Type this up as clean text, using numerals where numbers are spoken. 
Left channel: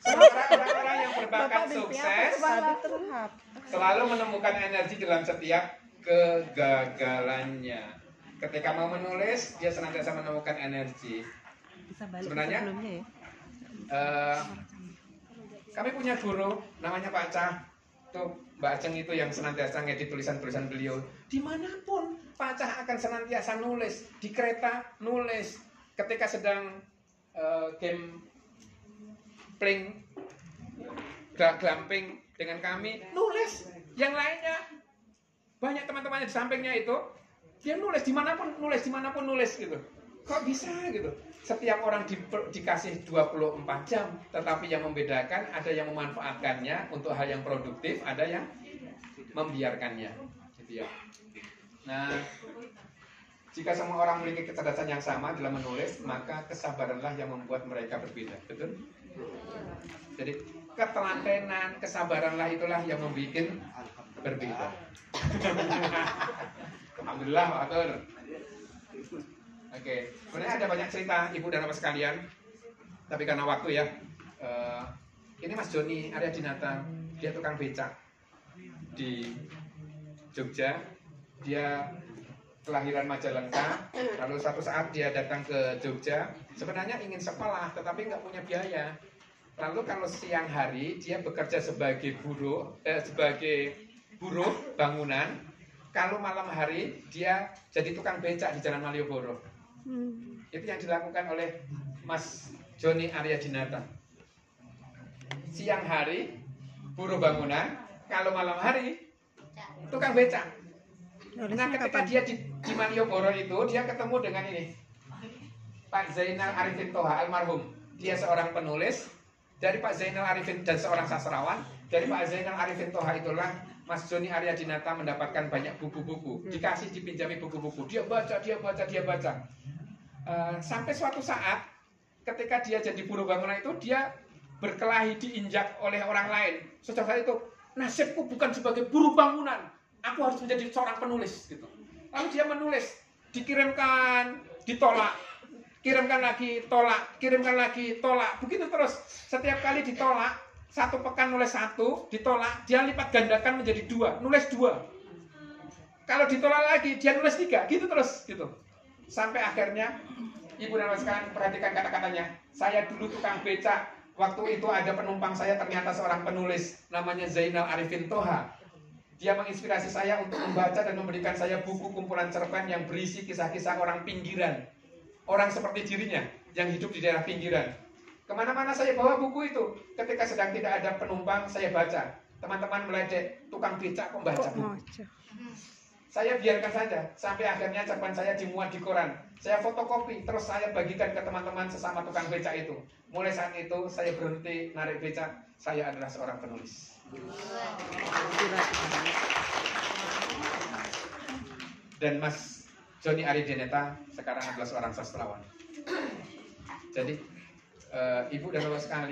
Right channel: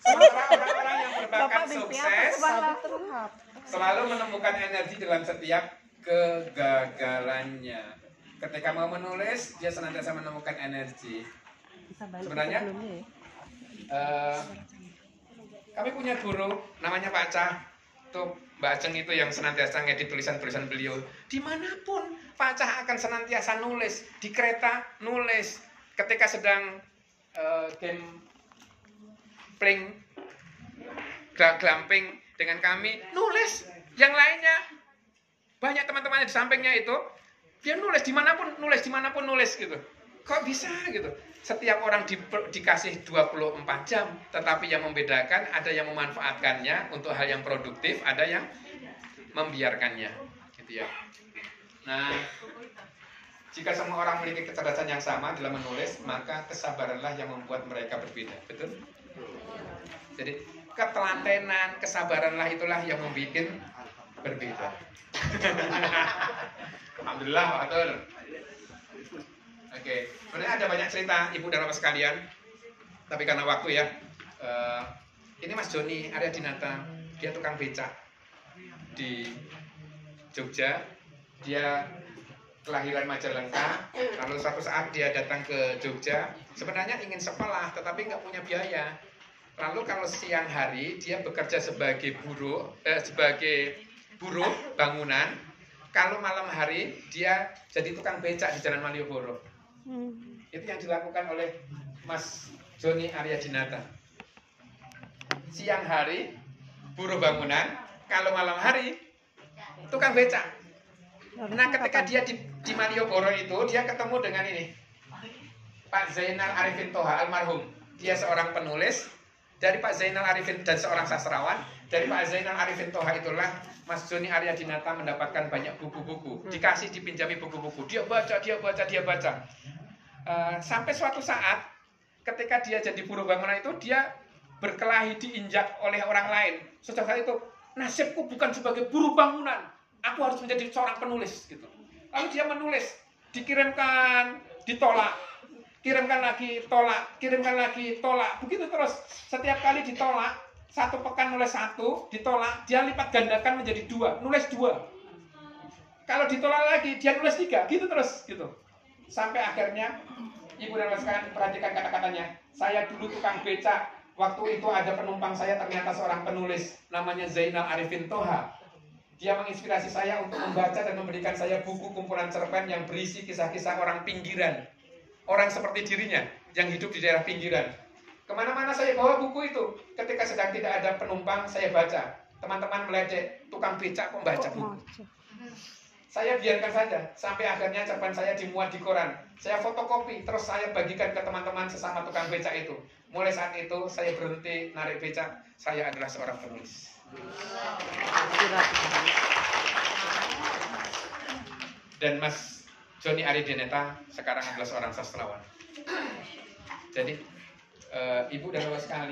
Sementara orang-orang yang berbakat sukses selalu menemukan energi dalam setiap kegagalannya. Ketika mau menulis, dia senantiasa menemukan energi. Sebenarnya kami punya guru namanya Pak Cah. Tuh Mbak Ajeng itu yang senantiasa ngedit tulisan-tulisan beliau. Dimanapun Pak Cah akan senantiasa nulis. Di kereta nulis. Ketika sedang game playing glamping dengan kami, nulis. Yang lainnya banyak teman-temannya di sampingnya itu, dia nulis dimanapun nulis gitu. Kok bisa gitu? Setiap orang dikasih 24 jam, tetapi yang membedakan ada yang memanfaatkannya untuk hal yang produktif, ada yang membiarkannya, gitu ya. Nah, jika semua orang memiliki kecerdasan yang sama dalam menulis, maka kesabaranlah yang membuat mereka berbeda, betul? Jadi ketelatenan, kesabaranlah itulah yang membuat berbeda. Alhamdulillah, betul. Oke, sebenarnya ada banyak cerita ibu dan bapak sekalian, tapi karena waktu ya, ini Mas Joni Arya Dinata, dia tukang becak di Jogja, dia kelahiran Majalengka, lalu suatu saat dia datang ke Jogja, sebenarnya ingin sekolah, tetapi nggak punya biaya. Lalu kalau siang hari dia bekerja sebagai buruh bangunan, kalau malam hari dia jadi tukang becak di Jalan Malioboro. Itu yang dilakukan oleh Mas Joni Arya Dinata. Siang hari buruh bangunan, kalau malam hari tukang becak. Nah, ketika dia di Malioboro itu, dia ketemu dengan ini, Pak Zainal Arifin Toha almarhum. Dia seorang penulis. Dari Pak Zainal Arifin dan seorang sastrawan. Dari Pak Zainal Arifin Toha itulah Mas Joni Arya Dinata mendapatkan banyak buku-buku. Dikasih, dipinjami buku-buku. Dia baca. Sampai suatu saat, ketika dia jadi buruh bangunan itu, dia berkelahi diinjak oleh orang lain. Setelah saat itu, nasibku bukan sebagai buruh bangunan. Aku harus menjadi seorang penulis. Gitu. Lalu dia menulis, dikirimkan, ditolak. Kirimkan lagi, tolak. Begitu terus. Setiap kali ditolak, satu pekan nulis satu, ditolak, dia lipat gandakan menjadi 2, nulis 2. Kalau ditolak lagi, dia nulis 3, gitu terus, gitu. Sampai akhirnya, ibu dan bapak sekalian perhatikan kata-katanya. Saya dulu tukang becak, waktu itu ada penumpang saya ternyata seorang penulis, namanya Zainal Arifin Toha. Dia menginspirasi saya untuk membaca dan memberikan saya buku kumpulan cerpen yang berisi kisah-kisah orang pinggiran. Orang seperti dirinya, yang hidup di daerah pinggiran. Kemana-mana saya bawa buku itu. Ketika sedang tidak ada penumpang, saya baca. Teman-teman meledek, tukang becak kok baca buku. Saya biarkan saja, sampai akhirnya cerpen saya dimuat di koran. Saya fotokopi, terus saya bagikan ke teman-teman sesama tukang becak itu. Mulai saat itu, saya berhenti narik becak. Saya adalah seorang penulis. Dan Mas Joni Arya Dinata sekarang adalah seorang sastrawan. Jadi, ibu dan bapak sekalian,